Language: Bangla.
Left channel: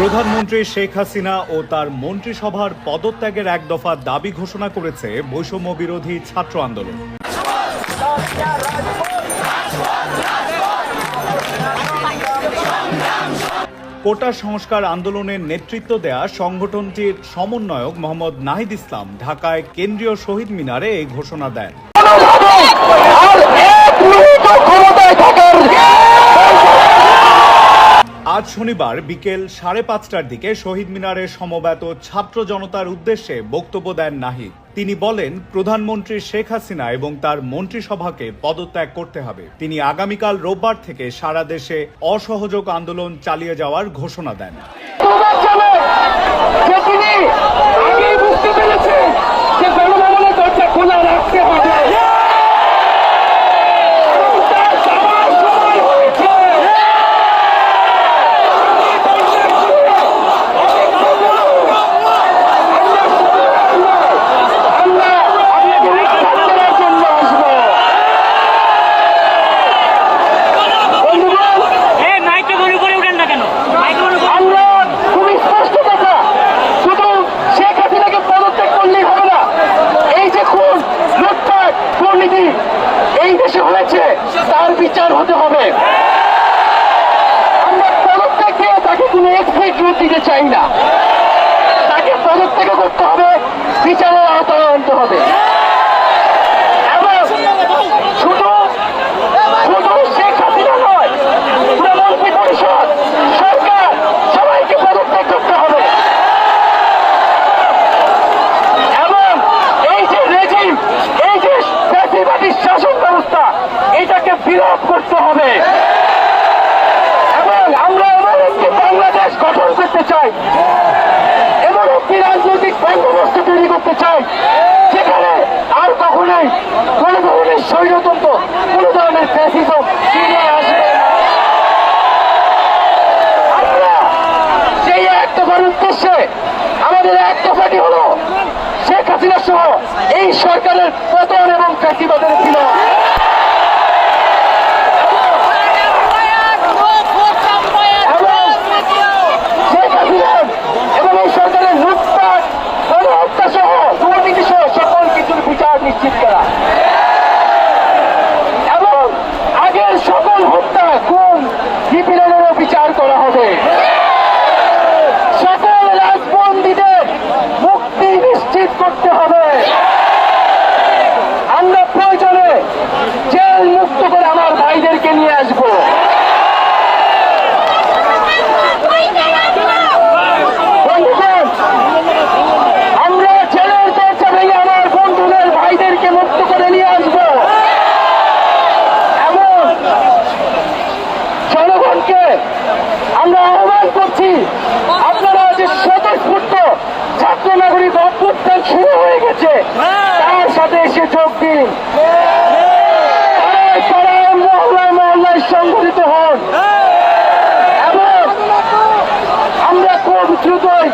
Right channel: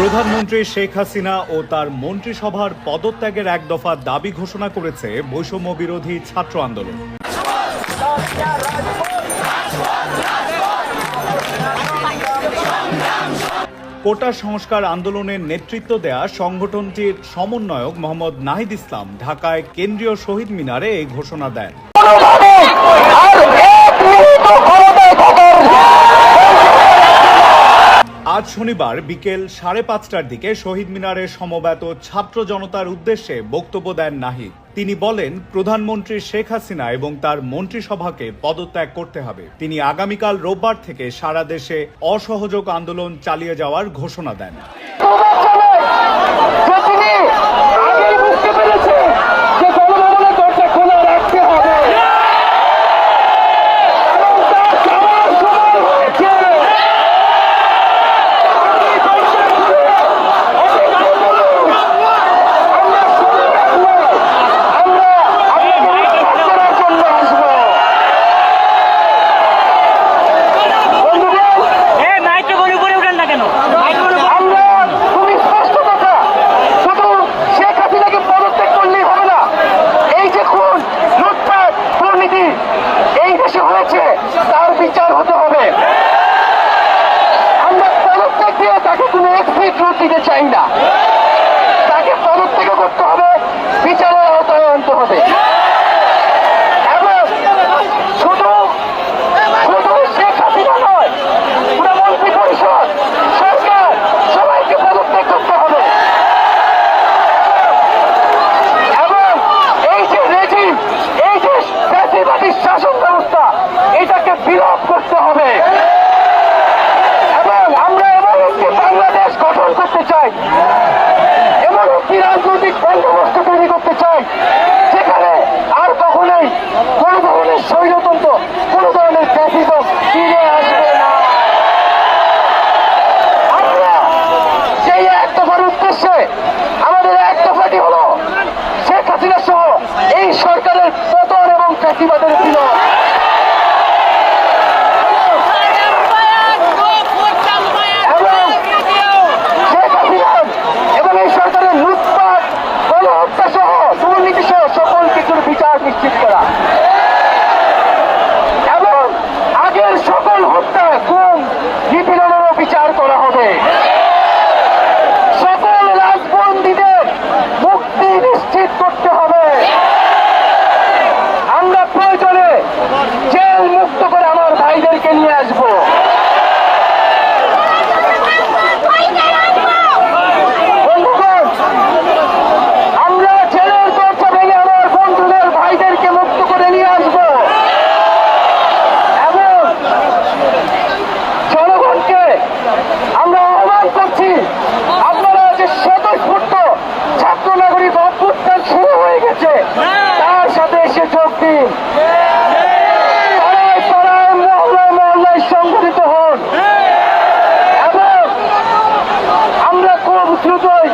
প্রধানমন্ত্রী শেখ হাসিনা ও তার মন্ত্রিসভার পদত্যাগের এক দফা দাবি ঘোষণা করেছে বৈষম্য বিরোধী ছাত্র আন্দোলন। কোটা সংস্কার আন্দোলনের নেতৃত্ব দেয়া সংগঠনটির সমন্বয়ক মোহাম্মদ নাহিদ ইসলাম ঢাকায় কেন্দ্রীয় শহীদ মিনারে এই ঘোষণা দেন আর এক মিনিট ক্ষমতায় থাকার আজ শনিবার বিকেল সাড়ে পাঁচটার দিকে শহীদ মিনারে সমবেত ছাত্র জনতার উদ্দেশ্যে বক্তব্য দেন নাহিদ। তিনি বলেন, প্রধানমন্ত্রী শেখ হাসিনা এবং তার মন্ত্রিসভাকে পদত্যাগ করতে হবে। তিনি আগামীকাল রোববার থেকে সারা দেশে অসহযোগ আন্দোলন চালিয়ে যাওয়ার ঘোষণা দেন। মাইক্রোফোন উপরে উঠেন না কেন? খুবই স্পষ্ট কথা। শুধু শেখ হাসিনাকে পদত্যাগ করলেই হবে না। এই যে খুন, লুটপাট, দুর্নীতি, এই দেশে হয়েছে, তার বিচার হতে হবে। আমরা পদত্যাগ দিয়ে তাকে কোনো এক্সিট রুট দিতে চাই না। তাকে পদত্যাগ করতে হবে, বিচারের আওতায় আনতে হবে এবং শুধু শুধু শেখ হাসিনা নয় পুরো মন্ত্রী পরিষদ সরকার সবাইকে পদত্যাগ করতে হবে এবং এই যে রেজিম এই যে জাতিবাদী শাসন এটাকে বিলোপ করতে হবে। এবং আমরা এমন একটি বাংলাদেশ গঠন করতে চাই, এমন একটি রাজনৈতিক বন্দোবস্ত তৈরি করতে চাই, যেখানে আর কখনোই কোন ধরনের স্বৈরতন্ত্র, কোন ধরনের ফ্যাসিজম ফিরে আসবে না। আমরা সেই এক দফার উদ্দেশ্যে আমাদের এক দফাটি হলো শেখ হাসিনা সহ এই সরকারের পতন এবং ফ্যাসিবাদের বিলোপ এবং এবং শেখ হাসিনার এবং লুটপাট গণ লুটপাট গণহত্যা সহ দুর্নীতি সহ সকল কিছুর বিচার নিশ্চিত করা। এবং আগের সকল হত্যা গুম নিপীড়নেরও বিচার করা হবে সকল রাজবন্দীদের মুক্তি নিশ্চিত করতে হবে আমরা প্রয়োজনে জেল মুক্ত করে আমার ভাইদেরকে নিয়ে আসব বন্ধুগণ আমরা জেলের দরজা ভেঙে আমার বন্ধুদের ভাইদেরকে মুক্ত করে নিয়ে আসব এবং জনগণকে আমরা আহ্বান করছি, আপনারা যে স্বতঃস্ফূর্ত ছাত্র নাগরিক অভ্যুত্থান শুরু হয়ে গেছে, তার সাথে এসে যোগ দিন। সংগঠিত হন। এবং আমরা খুব দ্রুতই